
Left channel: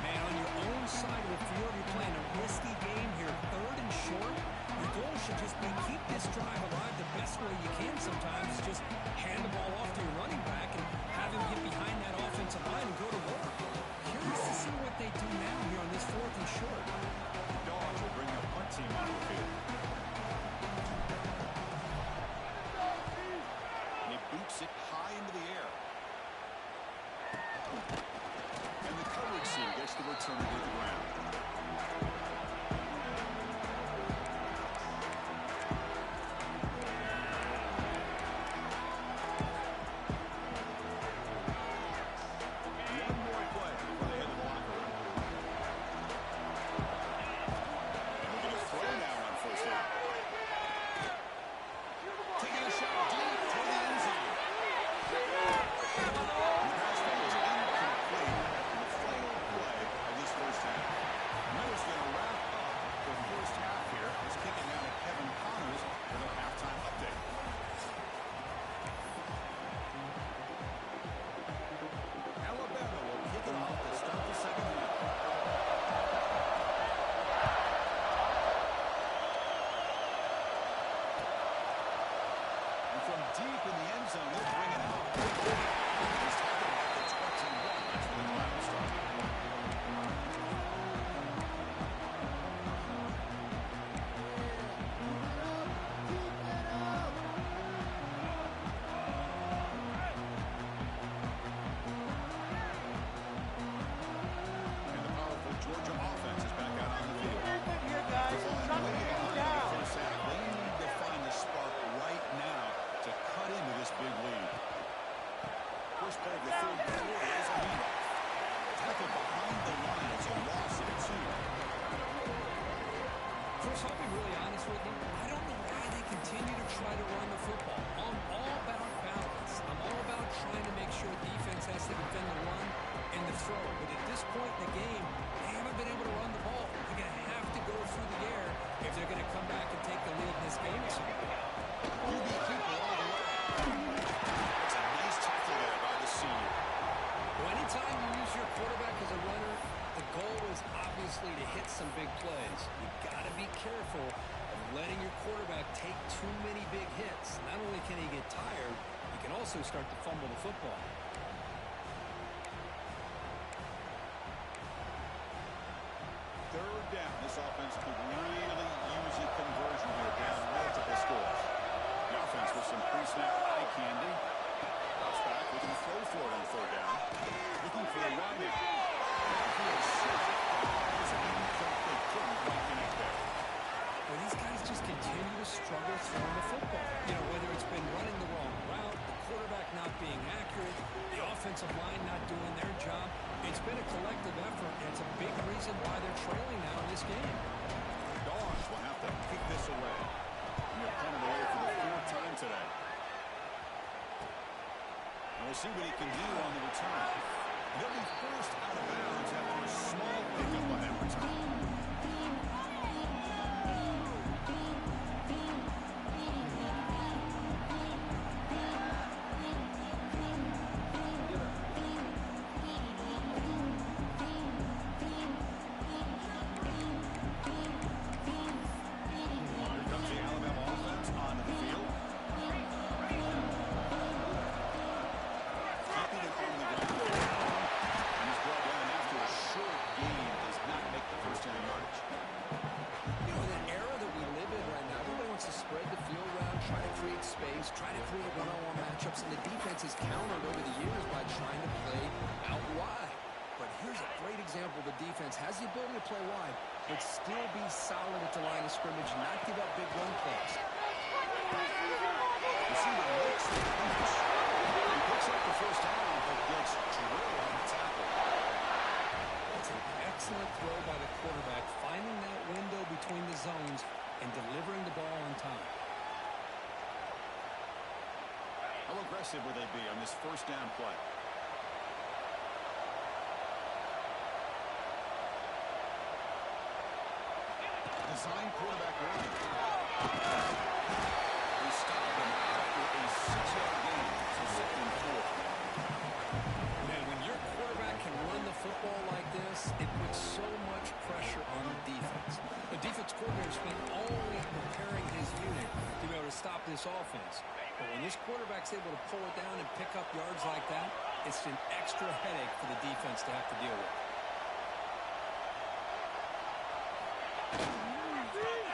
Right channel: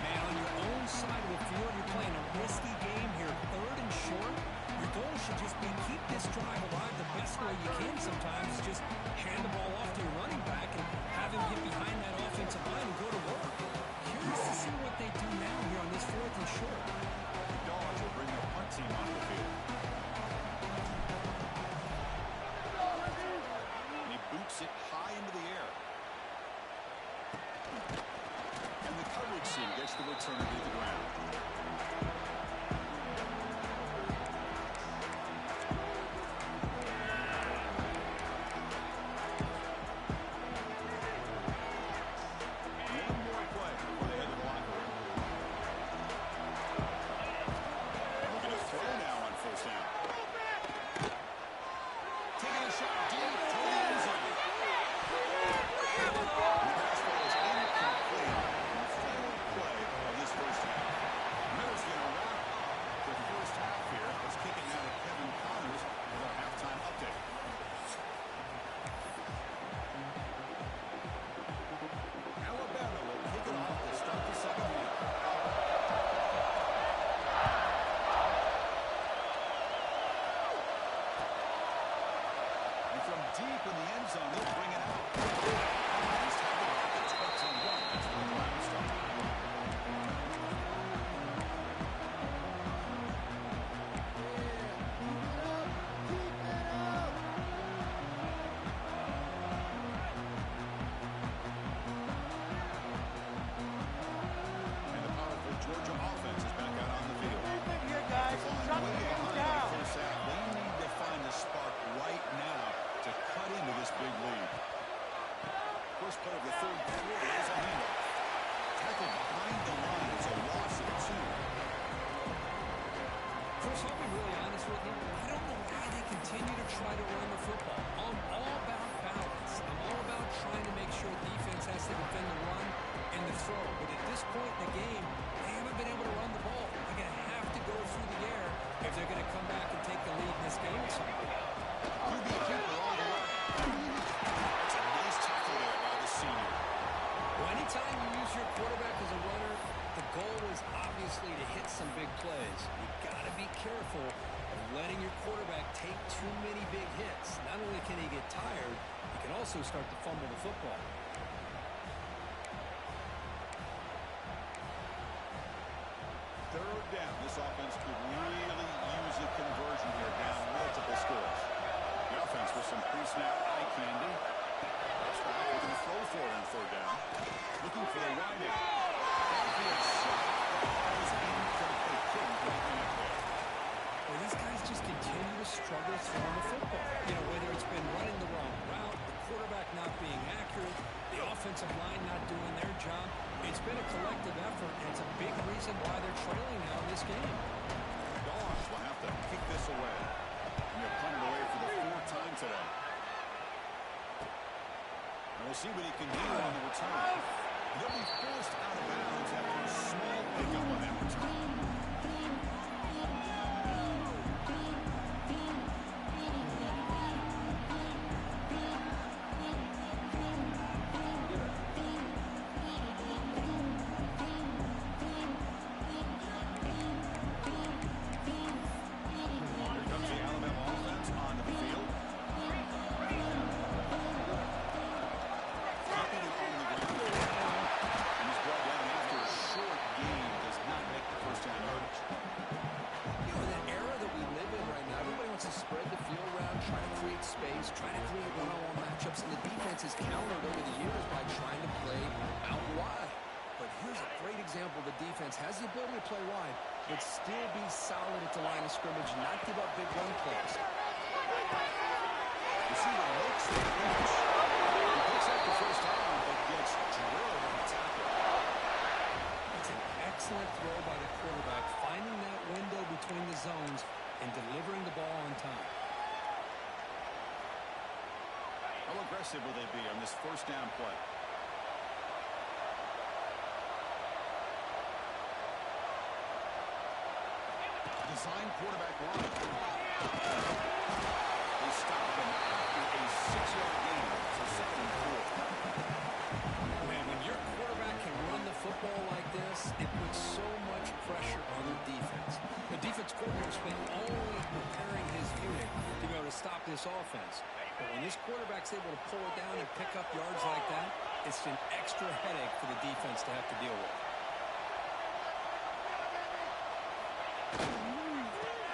Man, on your own side of the field, you're playing a risky game here. 3rd and short. Your goal should just be keep this drive alive the best way you can sometimes. Is just hand the ball off to your running back and have him get behind that offensive line and go to work. Curious to see what they do now here on this 4th and short. The Dogs will bring the punt team onto the field. And he boots it high into the air. And the coverage team gets the returner to the ground. One more play before they head to the locker room. And we're going to throw now on first down. Taking a shot deep toward the end zone. The pass ball is incomplete in the final play of this first half. Miller's going to wrap up the first half here. Let's kick it now to Kevin Connors with our halftime update. Alabama will kick it off to start the second half. And from deep in the end zone, they'll bring it out. He's tackled at the 21. That's where the drive will start. And the powerful Georgia offense is back out on the field. Here, guys. Shut the game down. They need to find the spark right now to cut into this big lead. First play of the third quarter is a handoff. Tackled behind the line. It's a loss of 2. Chris, I'll be really honest with you. I don't know why they continue to try to run the football. I'm all about balance. I'm all about trying to make sure defense has to defend the run and the throw. But at this point in the game, they haven't been able to run the ball. They're going to have to go through the air if they're going to come back and take the lead in this game at some point. QB keeper all the way. That's a nice tackle there by the senior. Well, anytime you use your quarterback as a runner, the goal is obviously to hit some big plays. You got to be careful of letting your quarterback take too many big hits. Not only can he get tired, he can also start to fumble the football. Third down. This offense could really use a conversion here, down multiple scores. The offense with some pre-snap eye candy. Drops back, looking to throw for it on third down. Looking for a wide out. Downfield shot. Ball is incomplete. Couldn't quite connect there. Well, these guys just continue to struggle throwing the football. You know, whether it's been running the wrong route, the quarterback not being accurate, the offensive line not doing their job. It's been a collective effort, and it's a big reason why they're trailing now in this game. Dogs will have to kick this away. And they're punted away for the 4th time today. And we'll see what he can do on the return. They'll be forced out of bounds after a small pickup on that return. Here comes the Alabama offense onto the field. Keeping it on the ground. And he's brought down after a short gain. Does not make the first down yardage. You know, in the era that we live in right now, everybody wants to spread the field around, try to create space, try to create one-on-one matchups, and the defense has countered over the years by trying to play out wide. But here's a great example. The defense has the ability to play wide, but still be solid at the line of scrimmage, not give up big run plays. Receiver makes the catch. He picks up the first down, but gets drilled on the tackle. It's an excellent throw by the quarterback, finding that window between the zones and delivering the ball on time. How aggressive will they be on this first down play? Design quarterback run. They stop him after a 6-yard gain, so 2nd and 4. Man, when your quarterback can run the football like this, it puts so much pressure on the defense. The defense coordinator spent all week preparing his unit to be able to stop this offense. But when this quarterback's able to pull it down and pick up yards like that, it's an extra headache for the defense to have to deal with.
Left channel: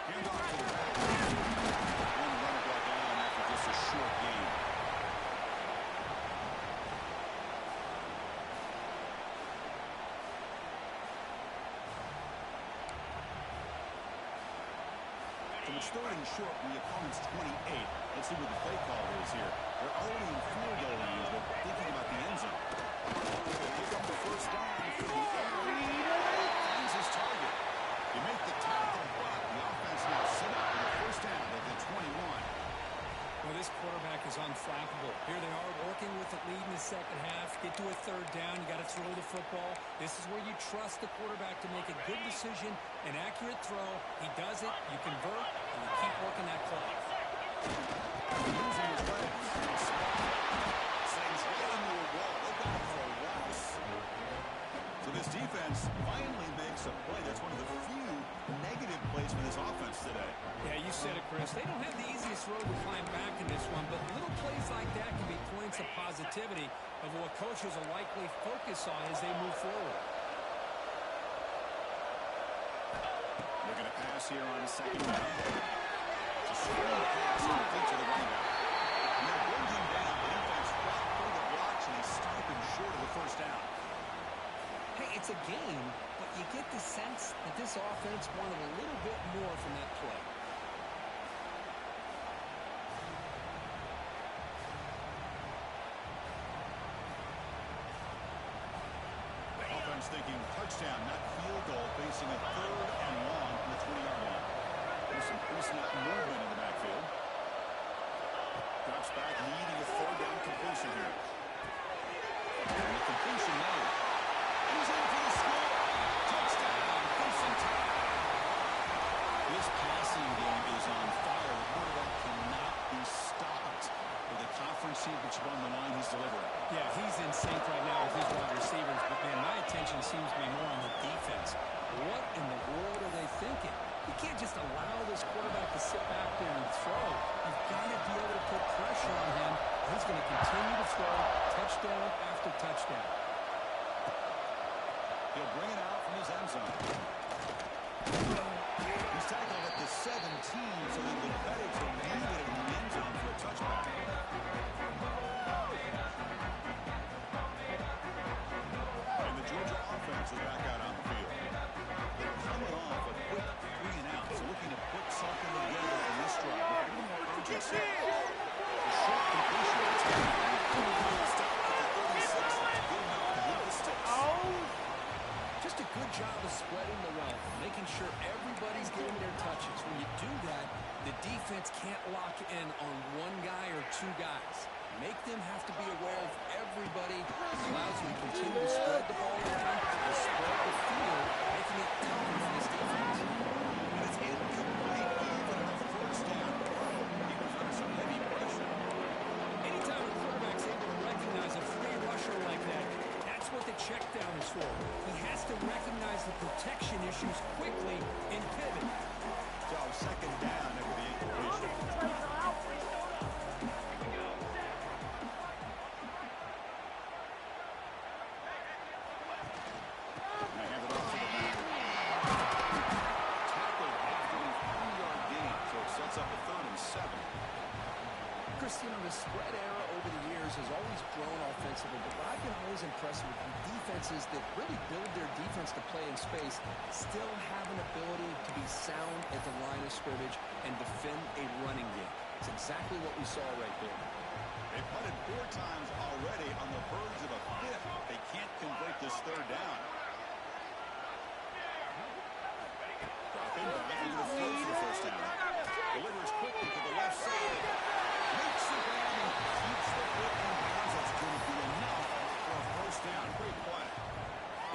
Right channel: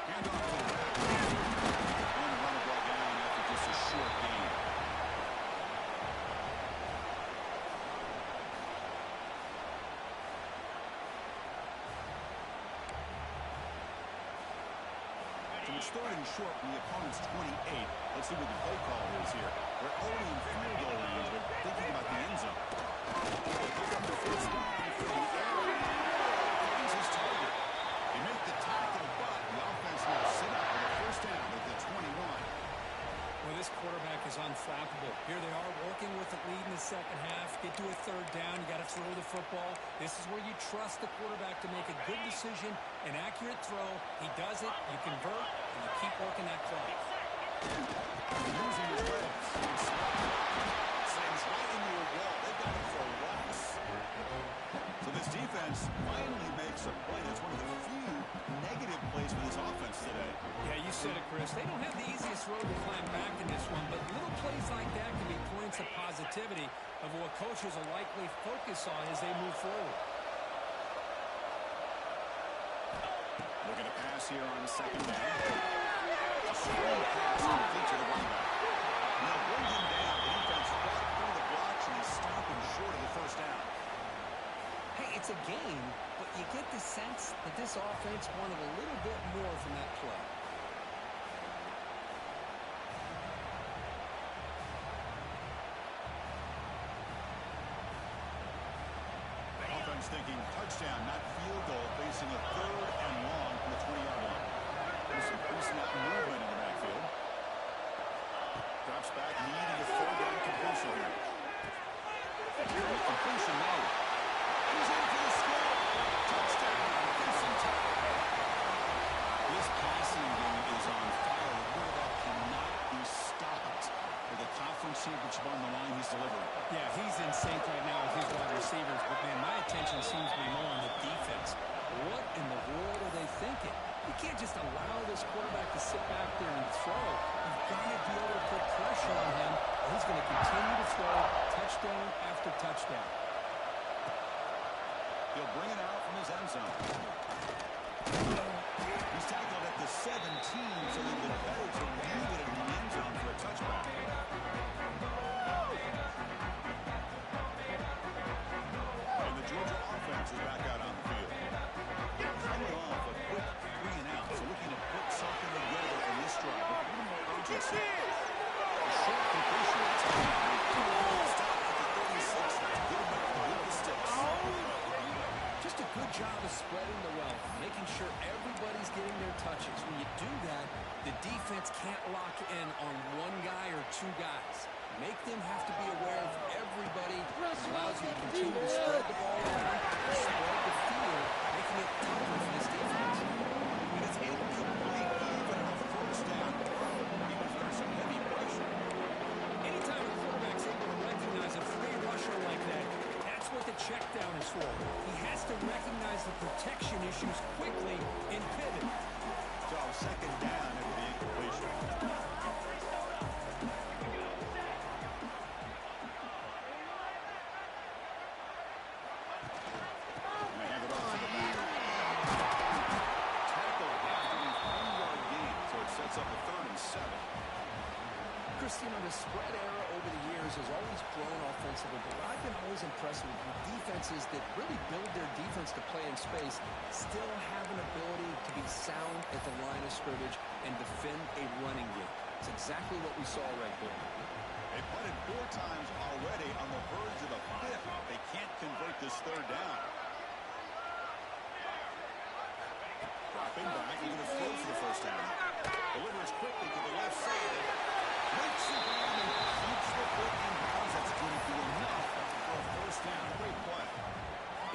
Handoff to the back. And the runner brought down after just a short gain. It's third and short from the opponent's 28. Let's see what the play call is here. We're already in field goal range, but thinking about the end zone. They pick up the first down for the air. Finds his target. They make the tackle, but the offense now set up with a first down at the 21. Well, this quarterback is unflappable. Here they are working with the lead in the second half. Get to a third down. You got to throw the football. This is where you trust the quarterback to make a good decision, an accurate throw. He does it. You convert, and you keep working that clock. Using his legs. Slams right into a wall. They've got him for a loss. So this defense finally makes a play. That's one of the few negative plays for this offense today. Yeah, you said it, Chris. They don't have the easiest road to climb back in this one, but little plays like that can be points of positivity of what coaches will likely focus on as they move forward. Looking to pass here on second down. A strong pass complete to the running back. And they'll bring him down. The defense fought through the blocks, and they stop him short of the first down. Hey, it's a game, but you get the sense that this offense wanted a little bit more from that play. Offense thinking touchdown, not field goal, facing a third and long from the 20-yard line. There's some pre-snap movement in the backfield. Drops back, needing a third down completion here. And the completion made. He's in for the score. Touchdown, Crimson Tide. This passing game is on fire. The quarterback cannot be stopped. With a conference championship on the line, he's delivering. Yeah, he's in sync right now with his wide receivers, but, man, my attention seems to be more on the defense. What in the world are they thinking? You can't just allow this quarterback to sit back there and throw. You've got to be able to put pressure on him, or he's going to continue to throw touchdown after touchdown. He'll bring it out from his end zone. He's tackled at the 17, so they've been better to move it in the end zone for a touchback. And the Georgia offense is back out on the field. They're coming off a quick 3 and out, so looking to put something together in this drive with a little more urgency. A short completion of the touchdown. Stop at the 36. That's good enough to move the sticks. Just a good job of spreading the wealth, making sure everybody's getting their touches. When you do that, the defense can't lock in on one guy or two guys. Make them have to be aware of everybody. It allows you to continue to spread the ball around, to spread the field, making it tougher for this defense. And it's incomplete even on a first down. He was under some heavy pressure. Anytime a quarterback's able to recognize a free rusher like that, that's what the check down is for. He has to recognize the protection issues quickly and pivot. So second down after the incompletion. And they hand it off to the back. Tackled after a 3-yard gain, so it sets up a 3rd and 7. Chris, you know, the spread era over the years has always grown offensively, but what I've been always impressed with defenses that really build their defense to play in space still have an ability to be sound at the line of scrimmage and defend a running game. It's exactly what we saw right there. They punted 4 times already on the verge of a 5th. They can't convert this 3rd down. Dropping back, they're going to throw for the first down. Delivers quickly to the left side. Makes the grab and keeps the foot in bounds. That's going to be enough for a first down. Great play.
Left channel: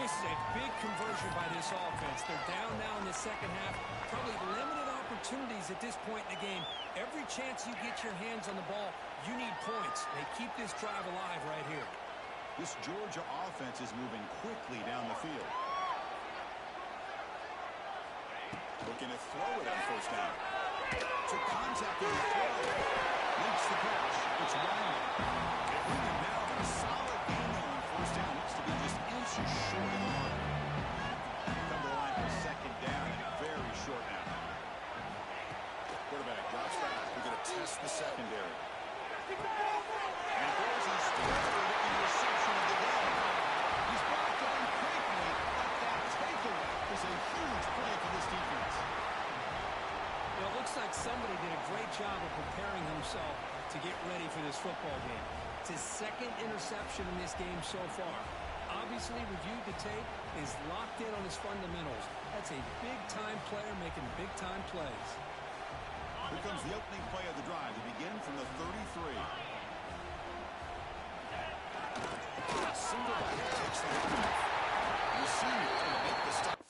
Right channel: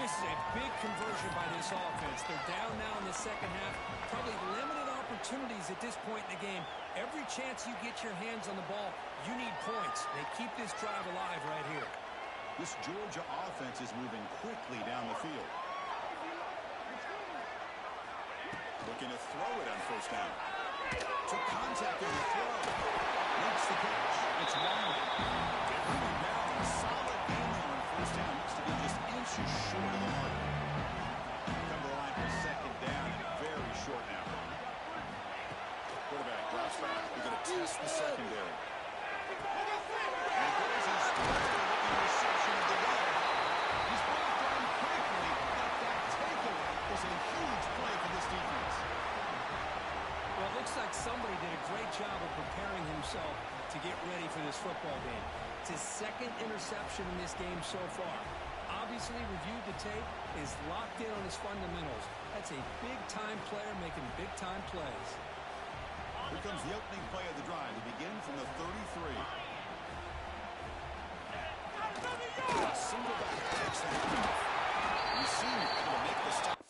This is a big conversion by this offense. They're down now in the second half. Probably limited opportunities at this point in the game. Every chance you get your hands on the ball, you need points. They keep this drive alive right here. This Georgia offense is moving quickly down the field. Looking to throw it on first down. Took contact on the throw. Makes the catch. It's winding. They bring him down, but a solid gain on first down. Looks to be just inches short of the mark. Come to the line for second down and very short now. Quarterback drops back. We're going to test the secondary. And throws his third interception of the day. He's brought down quickly, but that takeaway is a huge play for this defense. Well, it looks like somebody did a great job of preparing himself to get ready for this football game. It's his second interception in this game so far. Obviously reviewed the tape, is locked in on his fundamentals. That's a big-time player making big-time plays. Here comes the opening play of the drive to begin from the 33. Single back takes the handoff. Receiver able to make the stop.